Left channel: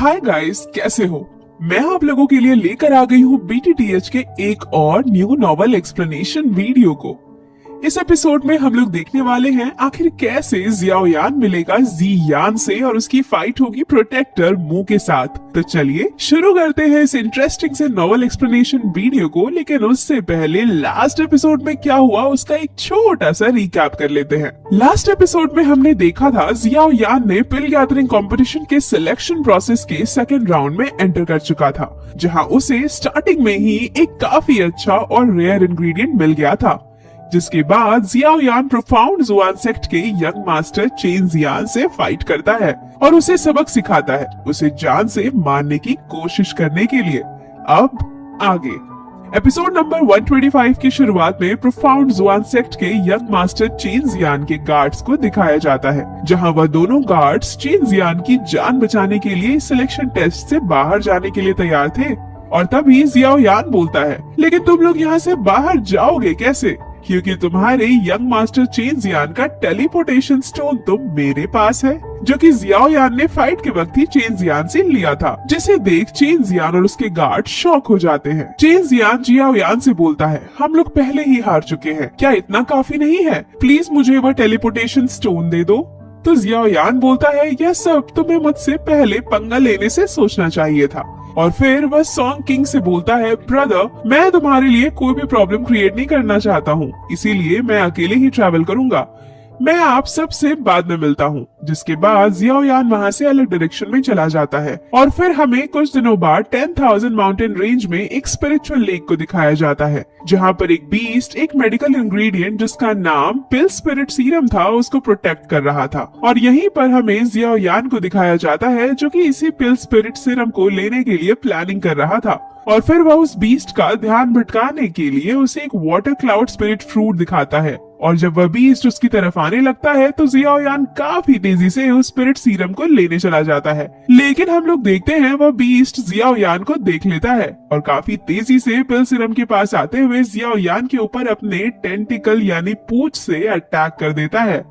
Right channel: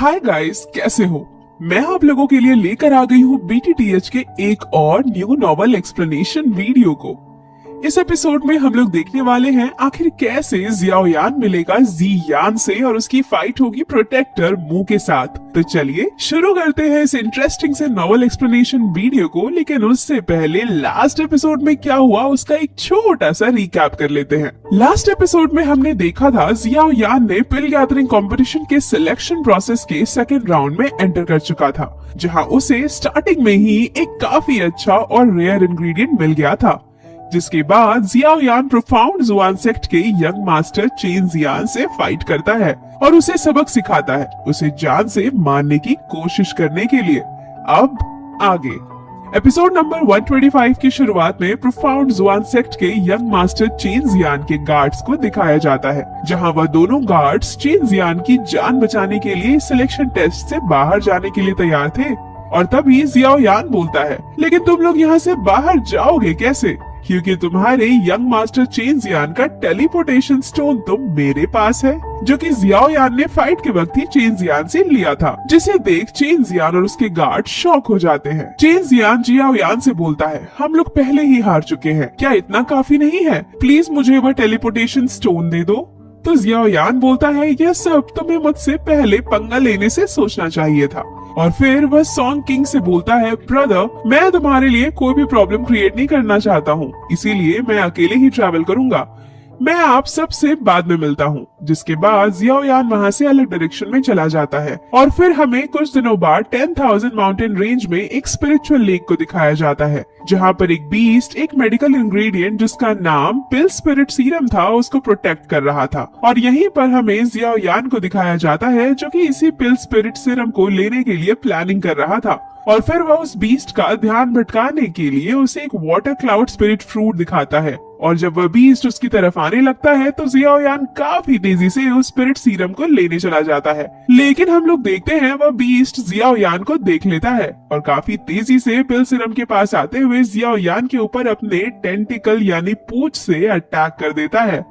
Hi guys, कैसे हो? मैं आप लोगों के लिए लेकर आ गई हूँ बीटीटीएच के एक और न्यू नॉवल एक्सप्लेनेशन वीडियो को। इस एपिसोड में हम लोग देखने वाले हैं आखिर कैसे जियाओ यान मिलेगा जी यान से और उसकी फाइट होगी प्रोटेक्टर मू के साथ। तो चलिए शुरू करते हैं इस इंटरेस्टिंग से नॉवल एक्सप्लेनेशन वीडियो को। लेकिन उससे पहले लास्ट एपिसोड में क्या हुआ उसका एक छोटा सा रिकैप कर लेते हैं। लास्ट एपिसोड में हमने देखा था जियाओ यान ने पिल गैदरिंग कंपटीशन के सिलेक्शन प्रोसेस के सेकेंड राउंड में एंटर कर चुका था, जहाँ उसे स्टार्टिंग में ही एक काफी अच्छा और रेयर इंग्रेडिएंट मिल गया था। जिसके बाद जियाओ यान प्रोफाउंड जुआन सेक्ट के यंग मास्टर चेन जियान से फाइट करता है और उसे सबक सिखाता है, उसे जान से मारने की कोशिश करने के लिए। अब आगे एपिसोड नंबर 125 की शुरुआत में प्रोफाउंड जुआन सेक्ट के यंग मास्टर चेन जियान के गार्ड्स को दिखाया जाता है, जहां वह दोनों गार्ड्स चेन जियान की जान बचाने के लिए सिलेक्शन टेस्ट से बाहर जाने के लिए तैयार थे। और तभी जियाओ यान बोलता है, लेकिन तुम लोग यहाँ से बाहर जाओगे कैसे? क्योंकि तुम्हारे यंग मास्टर चेन जियान का टेलीपोर्टेशन स्टोन तो मेरे पास है, जो कि जियाओ यान ने फाइट के वक्त ही चेन जियान से लिया था। जिसे देख चेन जियान और उसके गार्ड शॉक हो जाते हैं। चेन जियान जियाओ यान से बोलता है, हम लोग पहले ही हार चुके हैं, क्या इतना काफी नहीं है? प्लीज मुझे वह टेलीपोर्टेशन स्टोन दे दो। तो जियाओ यान बोलता है, यह सब तुम्हें मुझसे पहले पंगा लेने से सोचना चाहिए था। और फिर वह सॉन्ग किंग से बोलता है, ब्रदर, मैं तुम्हारे लिए कोई भी प्रॉब्लम क्रिएट नहीं करना चाहता हूँ, इसीलिए मैं अकेले ही ट्रैवल करूंगा। मैं आप सबसे बाद में मिलता हूँ। जिसके बाद जियाओ यान वहाँ से अलग डायरेक्शन में चला जाता है और फिर हमें कुछ दिनों बाद 10,000 माउंटेन रेंज में एक स्पिरिचुअल लेक को दिखाया जाता है, जहाँ पर एक बीस्ट एक मेडिकल इंग्रेडिएंट जिसका नाम पिल स्पिरिट सीरम था उसको प्रोटेक्ट कर रहा था। और यहीं पर हमें जियाओ यान को दिखाया जाता है, जो कि इसी पिल स्पिरिट सीरम को लेने के लिए प्लानिंग कर रहा था। और फिर वह उस बीस्ट का ध्यान भटकाने के लिए उसे एक वाटर क्लाउड स्पिरिट फ्रूट दिखाता है। और जब वह बीस्ट उसकी तरफ आने लगता है तो जियाओ यान काफी तेजी से उस स्पिरिट सीरम को लेने चला जाता है। लेकिन हम लोग देखते हैं वह बीस्ट जियाओ यान को देख लेता है और काफी तेजी से पिल सीरम के पास आते हुए जियाओ यान के ऊपर अपने टेंटिकल यानी पूंछ से अटैक कर देता है,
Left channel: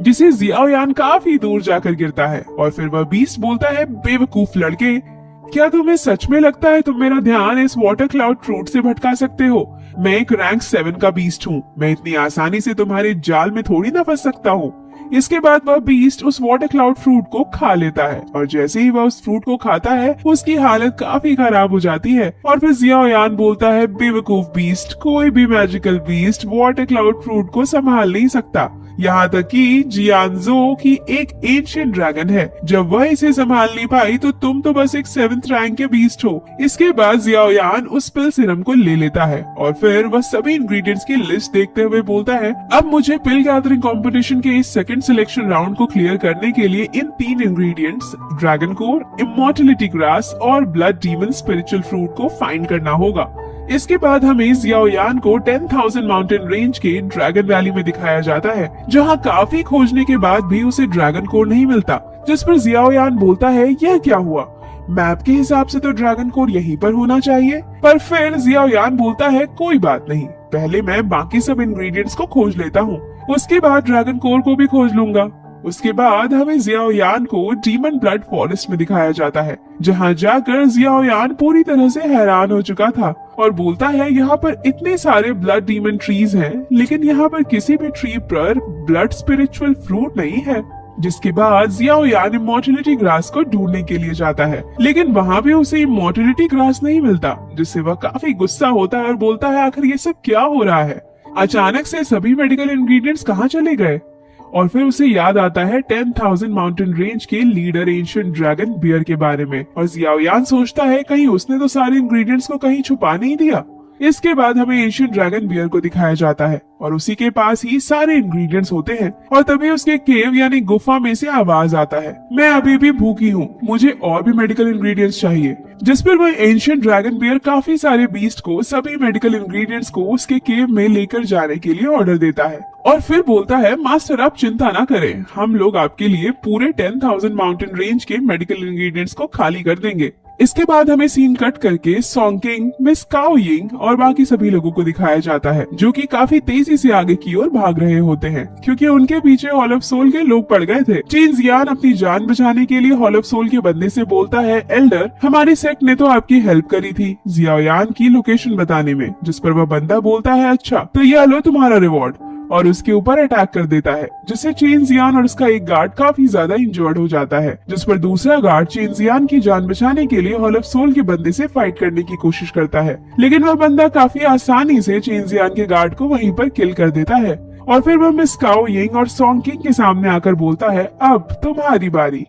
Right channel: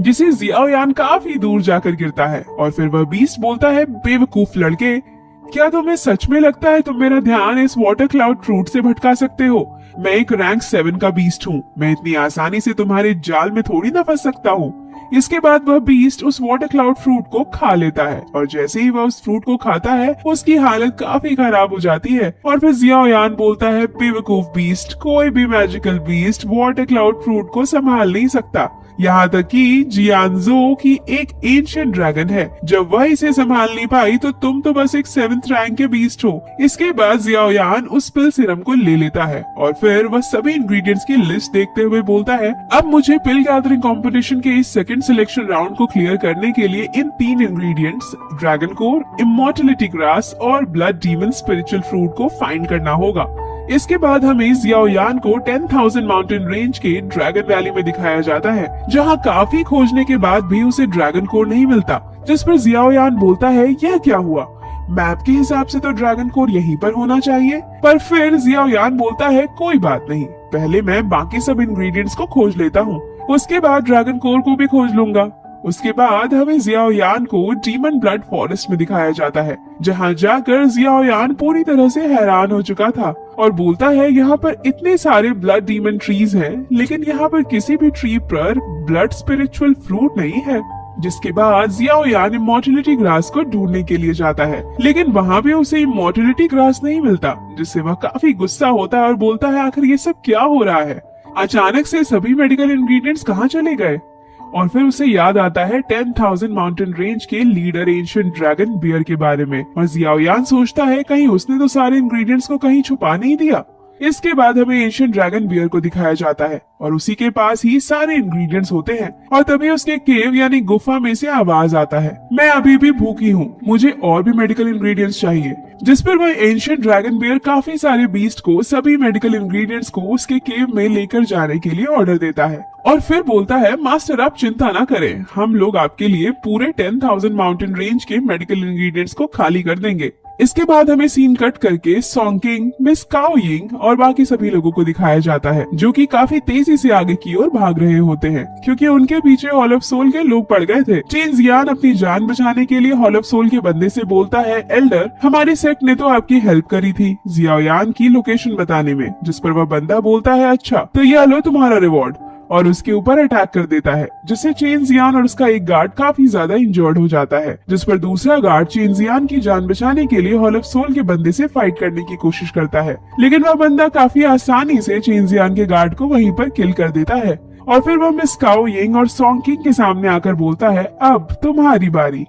जिसे जियाओ यान काफी दूर जाकर गिरता है। और फिर वह बीस्ट बोलता है, बेवकूफ लड़के, क्या तुम्हें सच में लगता है तुम मेरा ध्यान इस वाटर क्लाउड फ्रूट से भटका सकते हो? मैं एक रैंक 7 का बीस्ट हूँ, मैं इतनी आसानी से तुम्हारे जाल में थोड़ी ना फंस सकता हूँ। इसके बाद वह बीस्ट उस वाटर क्लाउड फ्रूट को खा लेता है और जैसे ही वह उस फ्रूट को खाता है उसकी हालत काफी खराब हो जाती है। और फिर जियाओ यान बोलता है, बेवकूफ बीस्ट, कोई भी magical beast water cloud fruit को संभाल नहीं सकता, यहाँ तक कि जियानजो की एक एंशिएंट ड्रैगन है। जब वह इसे संभाल नहीं पाई तो तुम तो बस एक 7th रैंक के बीस्ट हो। इसके बाद जियाओ यान उस पिल सीरम को ले लेता है और फिर वह सभी इंग्रेडिएंट्स की लिस्ट देखते हुए बोलता है, अब मुझे पिल गैदरिंग कंपटीशन के इस सेकंड सिलेक्शन राउंड को क्लियर करने के लिए इन 3 ingredients dragon core, immortality grass और ब्लड डीमन स्पिरिचुअल फ्रूट को फाइंड करना होगा। इसके बाद हमें जियाओ यान को 10,000 माउंटेन रेंज के ड्रैगन वैली में दिखाया जाता है, जहां काफी खोजने के बाद भी उसे ड्रैगन कोर नहीं मिलता। जिस पर जियाओ यान बोलता है, यह क्या हुआ? मैप के हिसाब से तो ड्रैगन कोर यहीं पर होना चाहिए। पर फिर जियाओ यान बोलता है, कोई बात नहीं, पहले मैं बाकी सब इंग्रेडिएंट्स को खोज लेता हूँ, उसके बाद ड्रैगन कोर को भी खोज लूंगा। उसके बाद हमें जियाओ यान को डीमन ब्लड फॉरेस्ट में दिखाया जाता है, जहां जाकर जियाओ यान पूरी तरह से हैरान हो चुका था और बोलता है, यहाँ पर इतने सारे ब्लड डीमन ट्रीज हैं, लेकिन यहाँ पर किसी भी ट्री पर ब्लड स्पिरिचुअल फ्रूट नहीं है। जिसके बाद जियाओ यान इमॉर्टलिटी ग्रास को ढूंढने के लिए जाता है, लेकिन वहाँ पे उसे इमॉर्टलिटी ग्रास नहीं मिलता, जिससे वह काफी गुस्सा होता है और बोलता है, आखिर ये सब क्या हो रहा है? अचानक से सभी मेडिकल इंग्रेडिएंट्स कहाँ चले गए? और फिर उसे याद आता है 10,000 माउंटेन रेंज के लीडर एंशिएंट ड्रैगन बियर के बारे में। और जियाओ यान सोचता है, कहीं उसने तो सारे इंग्रेडिएंट्स को कहीं छुपा नहीं दिया। इसके बाद हमें एंशिएंट ड्रैगन बियर को दिखाया जाता है और उसी के पास ही सारे इंग्रेडिएंट्स होते हैं। और तभी उसके केव यानी गुफा में से आवाज आता है, मैं अभी भी भूखी हूँ, मुझे और भी मेडिकल इंग्रेडिएंट्स चाहिए। जिस पर वह एंशिएंट ड्रैगन बियर काफी सारे बीस्ट को सभी मेडिकल इंग्रेडिएंट्स को उसके केव में लेकर जाने के लिए ऑर्डर देता है और फिर बोलता है, मास्टर आप चिंता ना करें, हम लोग आपके लिए पूरे 10,000 माउंटेन रेंज के मेडिकल इंग्रेडिएंट्स को खाली कर देंगे। इसके बाद हमें सीन कट करके सॉन्किंग, मिस काओ यिंग और बाकी सभी लोगों को दिखाया जाता है, जो कि काफी तेजी से आगे की ओर भाग रहे होते हैं, क्योंकि उनके पीछे हॉल ऑफ सोल के लोग पड़ गए थे। चेन जियान अपनी जान बचाने के लिए हॉल ऑफ सोल के बंदे से बोलता है, एल्डर, हमारी सेक्ट ने तो आपकी हेल्प करी थी जियाओयान की लोकेशन बताने में, जिस पर वह बंदा बोलता है, अच्छा तो ये लो तुम्हारा रिवॉर्ड, और उसके ऊपर अटैक कर देता है, जिससे चेन जियान और उसका एक गार्ड काफी ज्यादा इंजर्ड हो जाता है, जिस पर दूसरा गार्ड चेन जियान की जान बचाने के लिए हॉल ऑफ सोल के बंदे से फाइट करने की कोशिश करता है, लेकिन वह बंदा काफी आसानी से चेन जियान के गार्ड को वहीं पर किल कर देता है। और फिर वह मिस काओ यिंग और सॉन्ग किंग के सामने आकर बोलता है, अब तुम्हारी बारी।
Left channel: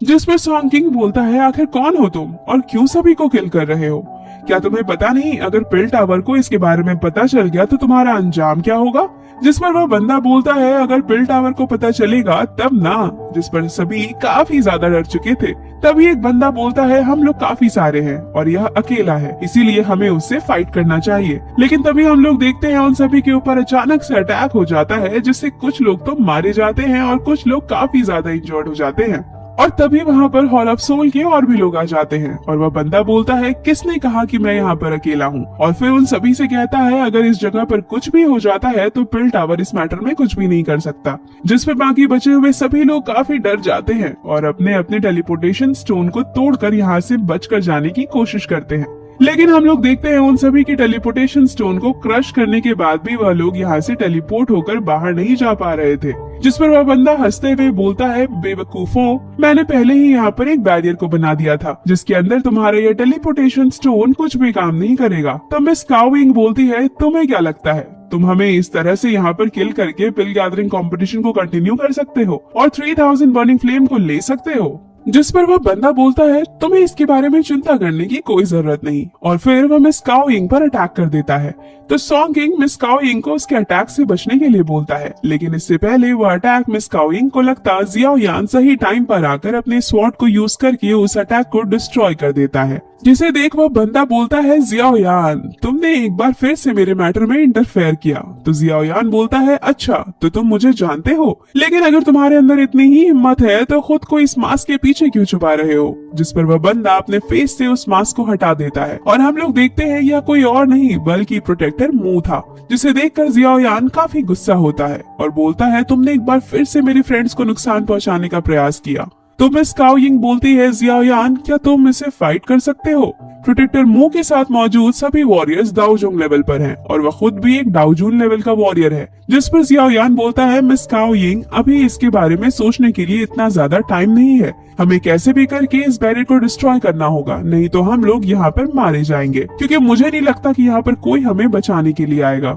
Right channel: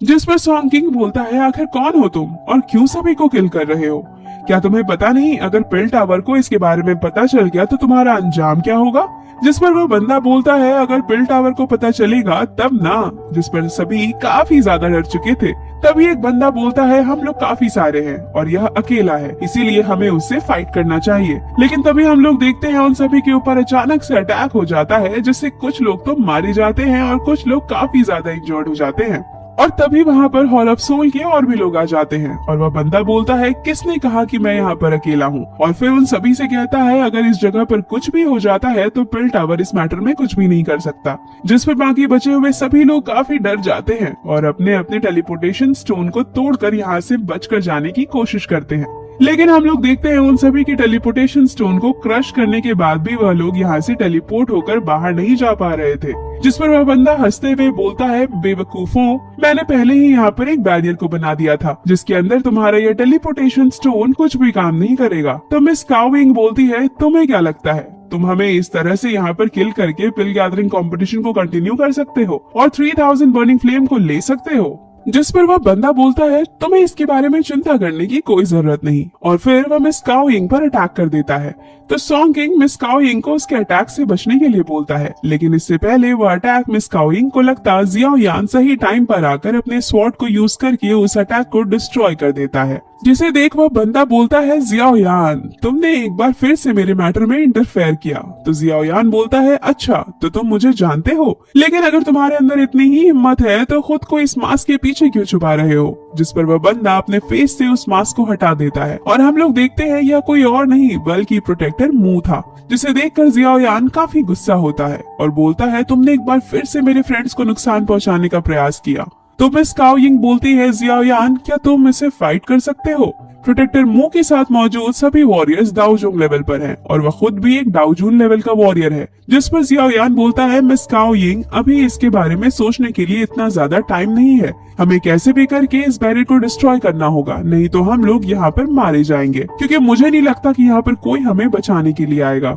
जिस पर सॉन्ग किंग बोलता है, आखिर कौन हो तुम और क्यों सभी को किल कर रहे हो? क्या तुम्हें पता नहीं अगर पिल टावर को इसके बारे में पता चल गया तो तुम्हारा अंजाम क्या होगा? जिस पर वह बंदा बोलता है, अगर पिल टावर को पता चलेगा तब ना। जिस पर सभी काफी ज्यादा डर चुके थे। तभी एक बंदा बोलता है, हम लोग काफी सारे हैं और यह अकेला है, इसीलिए हमें उससे फाइट करना चाहिए। लेकिन तभी हम लोग देखते हैं उन सभी के ऊपर अचानक से अटैक हो जाता है, जिससे कुछ लोग तो मारे जाते हैं और कुछ लोग काफी ज्यादा इंजर्ड हो जाते हैं। और तभी वहाँ पर हॉल ऑफ सोल के और भी लोग आ जाते हैं और वह बंदा बोलता है, किसने कहा कि मैं यहाँ पर अकेला हूँ? और फिर उन सभी से कहता है, अगर इस जगह पर कुछ भी हो जाता है तो पिल टावर इस मैटर में कुछ भी नहीं कर सकता। जिस पर बाकी बचे हुए सभी लोग काफी डर जाते हैं और अपने अपने टेलीपोर्टेशन स्टोन को तोड़कर यहाँ से बचकर जाने की कोशिश करते हैं। लेकिन हम लोग देखते हैं उन सभी की टेलीपोर्टेशन स्टोन को क्रश करने के बाद भी वह लोग यहाँ से टेलीपोर्ट होकर बाहर नहीं जा पा रहे थे। जिस पर वह बंदा हंसते हुए बोलता है, बेवकूफों, मैंने पहले ही यहाँ पर एक बैरियर को बना दिया था, जिसके अंदर तुम्हारा ये टेलीपोर्टेशन स्टोन कुछ भी काम नहीं करेगा। तो मिस काओ यिंग बोलती है, तुम्हें क्या लगता है तुम हमें इस तरह से यहाँ पर किल करके पिल गैदरिंग कंपटीशन को कंटिन्यू कर सकते हो और 3000 बर्निंग फ्लेम को ले सकते हो? जिस पर वह बंदा बोलता है, तुम्हें इसके बारे में चिंता करने की कोई जरूरत नहीं। और फिर वह मिस काओ यिंग पर अटैक कर देता है। तो सॉन्ग किंग मिस काओ यिंग को उसके अटैक से बचने के लिए बोलता है, लेकिन इससे पहले वह अटैक मिस काओ यिंग को लगता जियाओयान सही टाइम पर आकर अपने स्वॉर्ड को यूज करके उस अटैक को डिस्ट्रॉय कर देता है। जिसे देख वह बंदा बोलता है, जियाओयान, तुमने एक बार फिर से मेरे मैटर में इंटरफेयर किया। तो जियाओयान बोलता है, अच्छा तो तुम मुझे जानते हो, लेकिन अगर तुम्हारे अंदर इतनी ही हिम्मत है तो खुद को इस मास्क के पीछे क्यों छुपा रहे हो? जिस पर वह बंदा अपने फेस से उस मास्क को हटा देता है और हम लोग देखते हैं यह कोई और नहीं बल्कि प्रोटेक्टर मू था। जिसे देखकर जियाओयान काफी गुस्सा होता है और बोलता है, तुमने एक बार फिर से मेरे फ्रेंड्स को नुकसान पहुंचाने का प्रयास किया। तो मिस काओ यिंग बोलती है, जियाओयान, क्या तुम इसे फाइट कर सकते हो? प्रोटेक्टर मू के साथ मौजूद सभी वॉरियर्स दाओजोंग लेवल पर हैं और वह खुद भी एक दाओजून लेवल का वॉरियर है। जिस पर जियाओयान बोलता है, मिस काओ यिंग, अभी इसके बारे में सोचने के लिए इतना ज्यादा टाइम नहीं है, हमें कैसे भी करके इस बैरियर को डिस्ट्रॉय करना होगा, नहीं तो हम लोग यहाँ पर मारे जाएंगे, क्योंकि मुझे नहीं लगता कि यहाँ पर कोई हमें बचाने के लिए आएगा।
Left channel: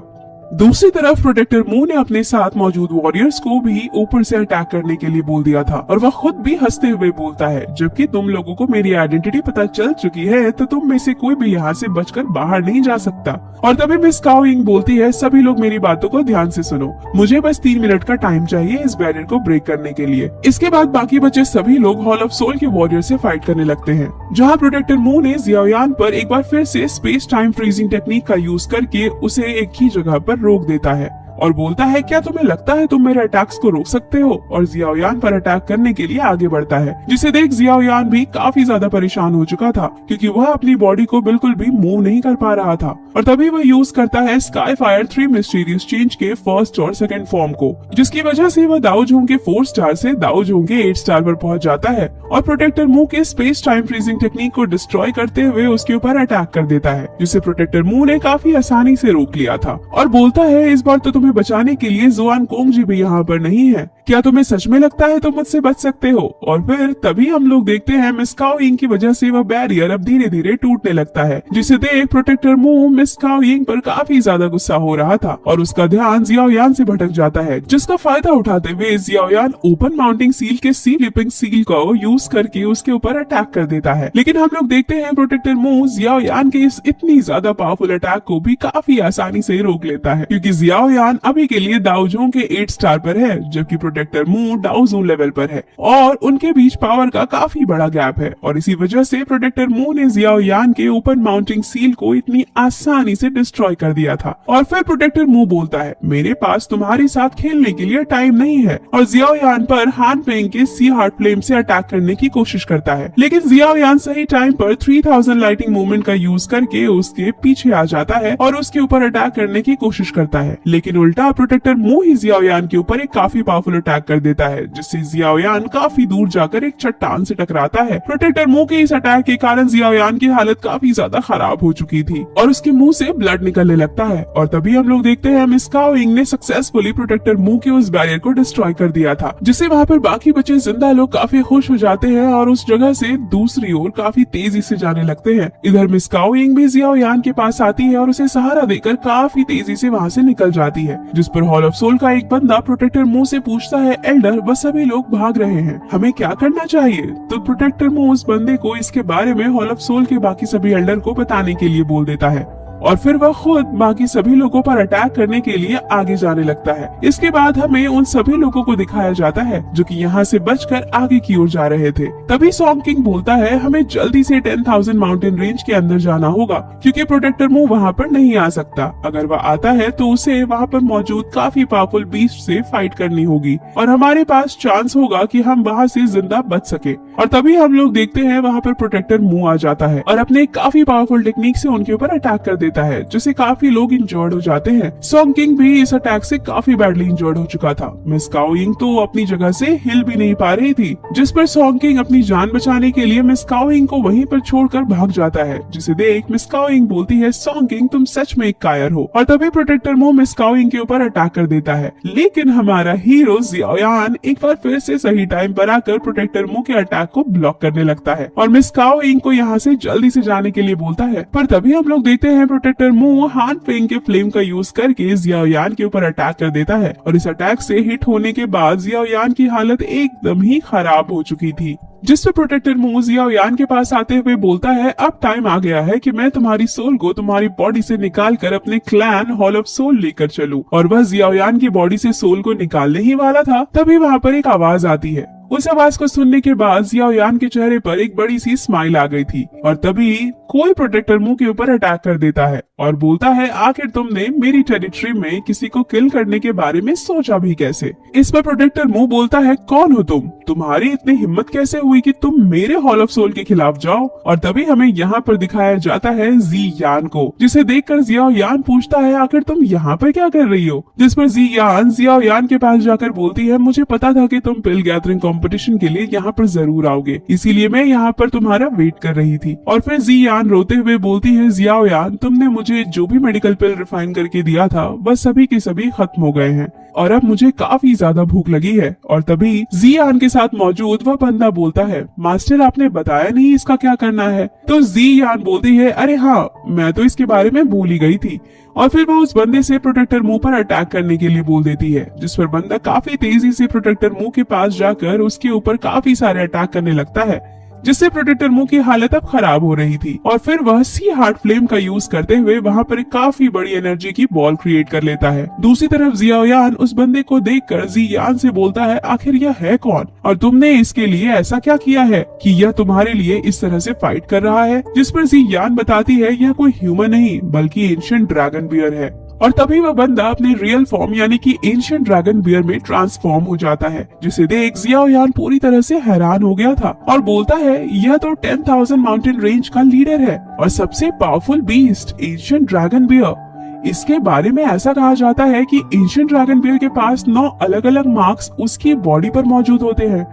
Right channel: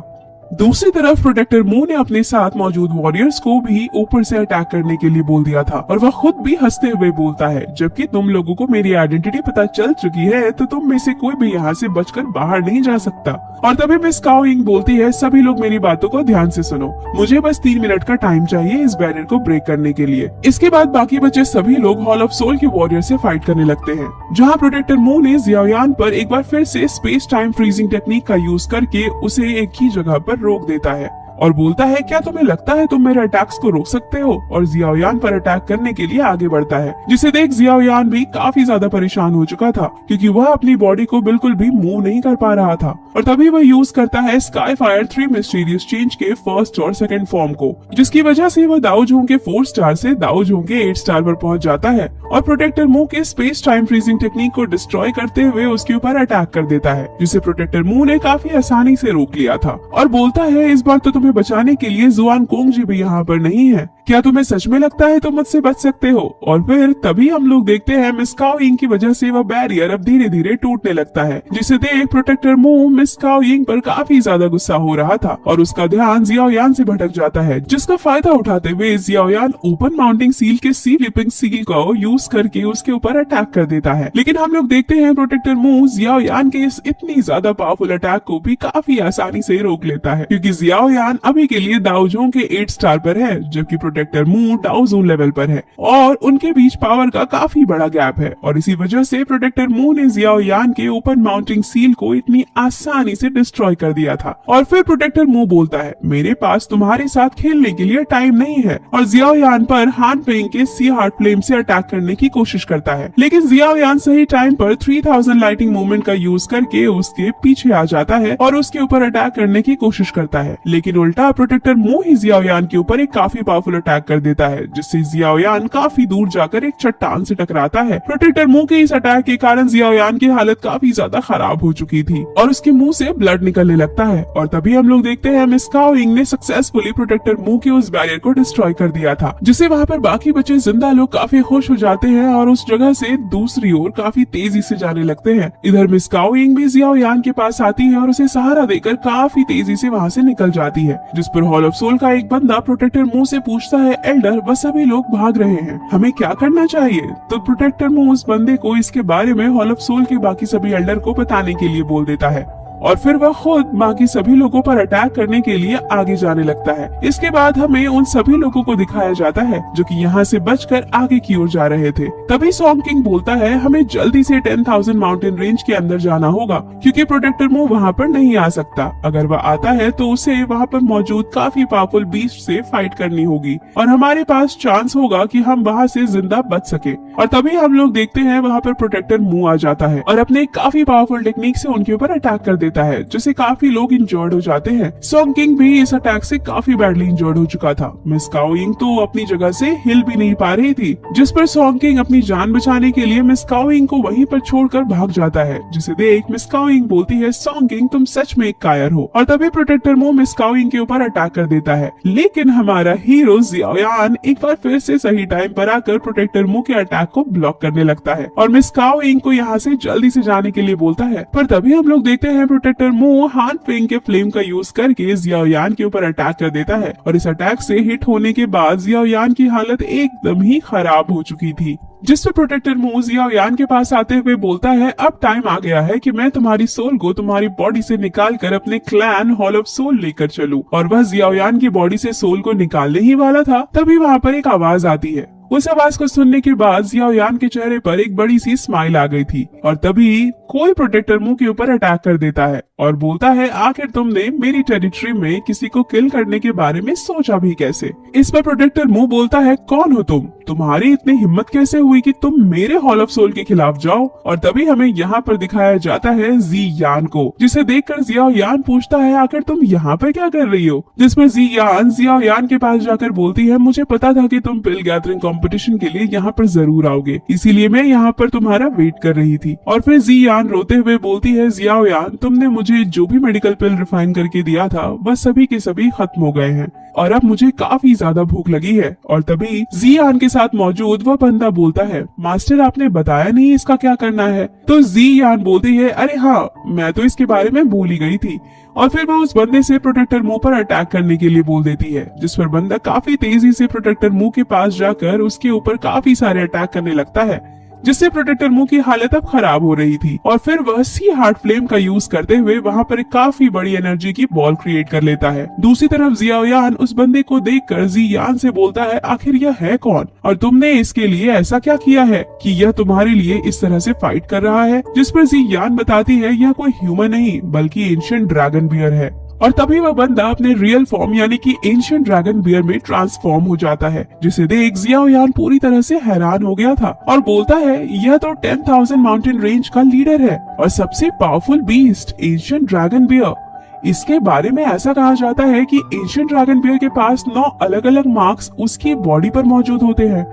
दूसरी तरफ प्रोटेक्टर मू ने अपने साथ मौजूद वॉरियर्स को भी ऊपर से अटैक करने के लिए बोल दिया था और वह खुद भी हंसते हुए बोलता है, जबकि तुम लोगों को मेरी आइडेंटिटी पता चल चुकी है तो तुम में से कोई भी यहाँ से बचकर बाहर नहीं जा सकता। और तभी मिस काओ यिंग बोलती है, सभी लोग मेरी बातों को ध्यान से सुनो, मुझे बस 3 मिनट का टाइम चाहिए इस बैरियर को ब्रेक करने के लिए। इसके बाद बाकी बचे सभी लोग हॉल ऑफ सोल के वॉरियर से फाइट करने लगते हैं, जहाँ प्रोटेक्टर मू ने जियाओयान पर एक बार फिर से स्पेस टाइम फ्रीजिंग टेक्निक का यूज करके उसे एक ही जगह पर रोक देता है और बोलता है, क्या तुम्हें लगता है तुम मेरे अटैक्स को रोक सकते हो? और जियाओयान पर अटैक करने के लिए आगे बढ़ता है, जिसे देख जियाओयान भी काफी ज्यादा परेशान हो चुका था, क्योंकि वह अपनी बॉडी को बिल्कुल भी मूव नहीं कर पा रहा था। और तभी वह यूज करता है स्काई फायर 3 मिस्टीरियस चेंज के फर्स्ट और सेकंड फॉर्म को, जिसकी वजह से वह दाओजोंग के 4 स्टार से दाओजोंग के 8 स्टार पर पहुंच जाता है और प्रोटेक्टर मू के स्पेस टाइम फ्रीजिंग टेक्निक को डिस्ट्रॉय करते हुए उसके ऊपर अटैक कर देता है, जिसे प्रोटेक्टर मू ने काफी आसानी से रोक लिया था और बोलता है, इस बार तो तुम्हें बचाने के लिए जुआन कोंग जी भी यहाँ पर नहीं है, क्या तुम्हें सच में लगता है तुम मुझसे बच सकते हो? और फिर तभी हम लोग देखते हैं मिस काओ यिंग की वजह से वह बैरियर अब धीरे धीरे टूटने लगता है, जिसे देख प्रोटेक्टर मू मिस काओ यिंग पर काफी ज्यादा गुस्सा हो रहा था और उसका ध्यान जियाओयान से भटक जाता है, जिसका फायदा उठाते हुए जियाओयान ओपन माउंटिंग सील के सी लिपिंग सील को यूज करके उसके ऊपर अटैक कर देता है। लेकिन हम लोग देखते हैं प्रोटेक्टर मू जियाओयान के इस इतनी ज्यादा पावरफुल अटैक को भी काफी आसानी से रोक लेता है, क्योंकि जियाओयान अभी के लिए दाओजोंग के 8 स्टार पर है, जबकि प्रोटेक्टर मू डाउ जोन लेवल पर है और उनके बीच पावर का काफी बड़ा गैप है और इसी वजह से प्रोटेक्टर मू ने जियाओ यान के ओपन माउंटिंग सील को इतनी आसानी से डिस्ट्रॉय कर दिया था। और फिर प्रोटेक्टर मू बोलता है, मेरे पास तुम्हारे साथ खेलने के लिए टाइम नहीं है, और जियाओ यान पर हान पेंग के सी हार्ट फ्लेम से अटैक करने की कोशिश करता है। लेकिन जियाओ यान सही टाइम पर 3000 लाइटिंग मूवमेंट का यूज करके उसके पीछे आ जाता है और उसके ऊपर अटैक करने की कोशिश करता है। लेकिन उल्टा प्रोटेक्टर मू ही जियाओ यान के ऊपर एक काफी पावरफुल अटैक कर देता है, जिससे जियाओ यान काफी दूर जाकर एक चट्टान से टकराता है। प्रोटेक्टर मू के इस अटैक के कारण जियाओ यान की हालत काफी ज्यादा खराब हो चुकी थी और उसके मुंह से ब्लड निकलने लगता है। और तभी हम लोग देखते हैं मिस काओ यिंग ने सक्सेसफुली प्रोटेक्टर मू के उस बैरियर को डिस्ट्रॉय कर दिया था, जिससे वहाँ पर बाकी बचे जिंदा लोग काफी खुश हो जाते हैं और उस जगह से दूसरी ओर काफी तेजी से जाने लगते हैं। इधर मिस काओ यिंग भी जियाओ यान के पास आती है और उसे सहारा देकर काफी तेजी से वहाँ से निकल जाती है, जिस पर हॉल ऑफ सोल का एक बंदा प्रोटेक्टर मू से पूछता है, एल्डर बस सभी लोग भाग रहे हैं, हमें क्या करना चाहिए? तो प्रोटेक्टर मू उस बंदे को इसके बारे में हॉल ऑफ सोल के बाकी सभी एल्डर को बताने के लिए बोल देता है और फिर वह खुद बाकी सभी लोगों पर अटैक करने के लिए आगे जाने लगता है। इसके बाद हमें उन सभी लोगों को दिखाया जाता है जो कि यहाँ से बचकर आगे की ओर जा रहे थे। तभी सॉन्ग किंग बोलता है, हमें जल्दी से 10,000 माउंटेन रेंज के अंदर जाना होगा क्योंकि प्रोटेक्टर मू वहाँ पर नहीं आ सकता। अगर वह आता है तो उसे वहाँ पर मौजूद काफी पावरफुल बीस्ट से फाइट करनी होगी और हमारे पास चांस होगा कि हम वहाँ से जिंदा बच सके। और तभी हम लोग देखते हैं वहाँ पर प्रोटेक्टर मू आ जाता है और अपने काफी पावरफुल टेक्निक से उनके ऊपर अटैक कर देता है, जिससे काफी लोग इंजर्ड हो जाते हैं। सॉन्ग किंग भी इस अटैक से काफी बैडली इंजर्ड हो चुका था। मिस काओ यिंग तो अपनी जगह से हिल भी नहीं पा रही थी, जिस पर सॉन्ग किंग अपनी जान बचाने के लिए मिस काओ यिंग को वहीं पर छोड़कर भाग जाता है, जिसे देख मिस काओ यिंग बोलती है, सॉन्ग किंग तुम सच में एक कायर हो। और तभी प्रोटेक्टर मू मिस काओ यिंग के ऊपर अटैक कर देता है, लेकिन हमारा हीरो जियाओ यान एक बार फिर से सही टाइम पर आकर प्रोटेक्टर मू के अटैक को ब्लॉक करने लगता है और मिस काओ यिंग को यहाँ से जल्दी से जाने के लिए बोलता है। पर तभी हम लोग देखते हैं प्रोटेक्टर मू हान फेंग के फ्लेम का यूज करके जियाओ यान के ऊपर अटैक कर देता है और इस अटैक से हिट होने के बाद जियाओ यान की हालत एकदम ही खराब हो चुकी थी, जिस पर प्रोटेक्टर मू जियाओ यान के पास आते हुए बोलता है, अब टाइम आ गया है कि मैं तुम्हारी सोल को तुम्हारी बॉडी से निकाल कर अपने क्लैन हॉल ऑफ सोल लेकर चलूं। और वह जियाओ यान की बॉडी से सोल को निकालने ही वाला था, तभी वहाँ पर एक आवाज आती है। उस आवाज को सुनने के बाद जियाओ यान के चेहरे पर एक बड़ी सी स्माइल आ गई थी और तभी कोई प्रोटेक्टर मू के ऊपर अटैक कर देता है और बोलता है, आखिर तुमने मेरी टेरिटरी में किसी को किल करने के बारे में सोचा भी कैसे? इस पर प्रोटेक्टर मू बोलता है, कौन हो तुम? तुम्हारी इतनी हिम्मत कैसे हुई कि तुम मेरे हॉल ऑफ सोल के खिलाफ जाओ? और तभी हमें यहाँ पर दिखाया जाता है जी यान को, जिसे देखकर जियाओ यान पूछता है, आखिर तुम यहाँ पर क्या कर रही हो? जिस पर जी यान जियाओ यान के पास जाकर बोलती है, मुझे पता था कि तुम पिल गैदरिंग कंपटीशन के लिए यहाँ पर जरूर आओगे, इसीलिए मैं यहाँ पर तुम्हारा वेट कर रही थी। और फिर जी यान रोते हुए बोलती है, जियाओ यान तुमने मुझे जो भी मेडिकल पिल रिफाइन करके दिया था वह सभी के सभी खत्म हो गए हैं और अब मुझे काफी ज्यादा भूख लगी है। और तभी जी यान के साथ मौजूद वह बंदा बोलता है, मास्टर आपने बताया नहीं इसका क्या करना है? तो जी यान बोलती है, अरे हाँ मैं तो इसके बारे में बोल ही गई थी। और फिर वह उस बंदे से प्रोटेक्टर मू पर अटैक करने के लिए बोल देती है, जिस पर बंदा काफी तेजी से प्रोटेक्टर मू के पास जाकर उसके ऊपर काफी सारे अटैक करने लगता है, जिससे प्रोटेक्टर मू की हालत अब खराब हो रही थी। और फिर वह सी हार्ट फ्लेम का यूज करते हुए वहाँ पर काफी बड़ी एनर्जी की बॉल क्रिएट कर लेता है। दूसरी तरफ जियाओ यान उस बंदे को देखकर जी यान से बोलता है, आखिर यह है कौन और तुमने इसके लिए ऐसा क्या किया है कि यह तुम्हारे लिए इस तरह से फाइट कर रहा है? जिस पर जी यान बताती है, यह कोई ह्यूमन नहीं बल्कि एंशिएंट ड्रैगन बियर है। और तभी वह बंदा अपने रियल फॉर्म यानी कि एंशिएंट ड्रैगन बियर में ट्रांसफॉर्म हो जाता है, जिसे देख जियाओ यान पूरी तरह से हैरान हो गया था और बोलता है, यह तो 10,000 माउंटेन रेंज का लीडर है और सबसे powerful beast ancient dragon bear. इसके बारे में ऐसा कहा जाता है कि एंशिएंट ड्रैगन बियर के पास 9 अलग अलग मार्क्स उसकी बॉडी पर मौजूद होते हैं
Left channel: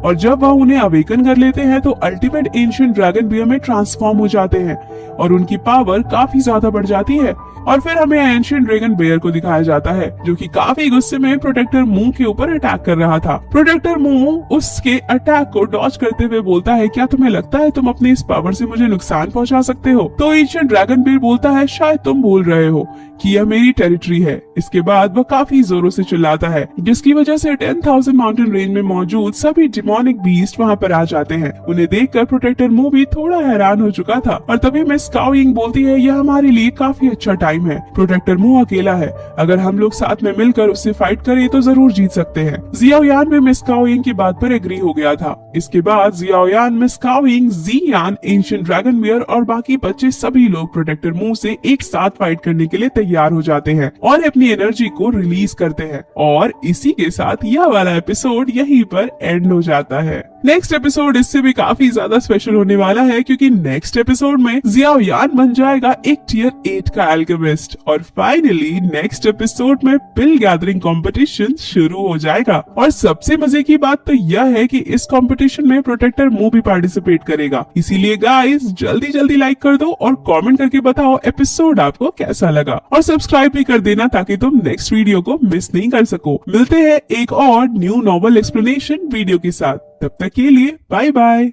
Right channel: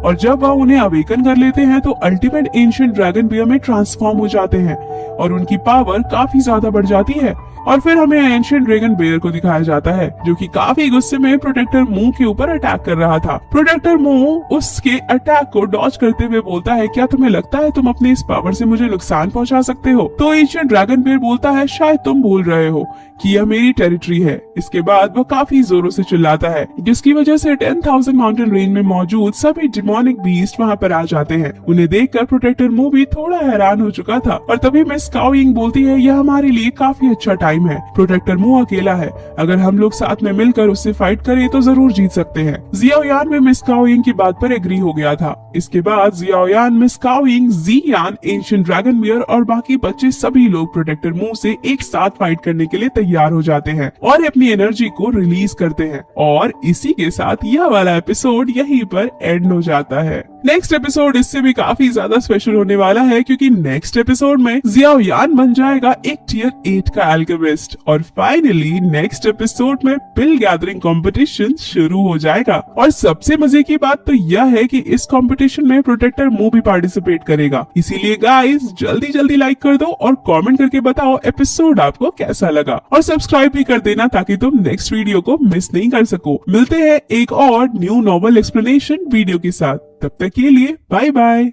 और जब वह उन्हें अवेकन कर लेते हैं तो अल्टीमेट एंशिएंट ड्रैगन बियर में ट्रांसफॉर्म हो जाते हैं और उनकी पावर काफी ज्यादा बढ़ जाती है। और फिर हमें एंशिएंट ड्रैगन बियर को दिखाया जाता है जो कि काफी गुस्से में प्रोटेक्टर मू के ऊपर अटैक कर रहा था। प्रोटेक्टर मू उसके अटैक को डॉज करते हुए बोलता है, क्या तुम्हें लगता है तुम अपनी इस पावर से मुझे नुकसान पहुंचा सकते हो? तो एंशिएंट ड्रैगन बियर बोलता है, शायद तुम बोल रहे हो कि यह मेरी टेरिटरी है। इसके बाद वह काफी जोरों से चिल्लाता है, जिसकी वजह से 10,000 माउंटेन रेंज में मौजूद सभी डिमोनिक बीस्ट वहाँ पर आ जाते हैं। उन्हें देखकर प्रोटेक्टर मू भी थोड़ा हैरान हो चुका था और तभी मिस काओ यिंग बोलती है, यह हमारे लिए काफी अच्छा टाइम टाइम है। प्रोटेक्टर मू अकेला है, अगर हम लोग साथ में मिलकर उससे फाइट करें तो जरूर जीत सकते हैं। जियाओयान में मिस काओयिंग की बात पर एग्री हो गया था। इसके बाद जियाओयान, मिस काओयिंग, जियान, एंशिएंट ड्रैगन बियर और बाकी बच्चे सभी लोग प्रोटेक्टर मू से एक साथ फाइट करने के लिए तैयार हो जाते हैं और अपनी एनर्जी को रिलीज करते हैं। और इसी के साथ यह वाला एपिसोड यहीं पर एंड हो जाता है। नेक्स्ट एपिसोड इससे भी काफी ज्यादा स्पेशल होने वाला है, क्योंकि नेक्स्ट एपिसोड में जियाओयान बन जाएगा एक टियर 8 का एल्केमिस्ट और फाइनली नेक्स्ट एपिसोड में पिल गैदरिंग कंपटीशन शुरू हो जाएगा। और सबसे मजे की बात तो यह है कि इस कंपटीशन में प्रोटेक्टर मू भी पार्टिसिपेट करेगा। इसीलिए गाइस जल्दी जल्दी लाइक कर दो और कमेंट करके बताओ एपिसोड आपको कैसा लगा, और सब्सक्राइब भी कर देना ताकि तुम नेक्स्ट वीडियो को मिस नहीं कर सको। मिलते हैं एक और न्यू नॉवल एक्सप्लेनेशन वीडियो के साथ, तब तक के लिए बाय बाय।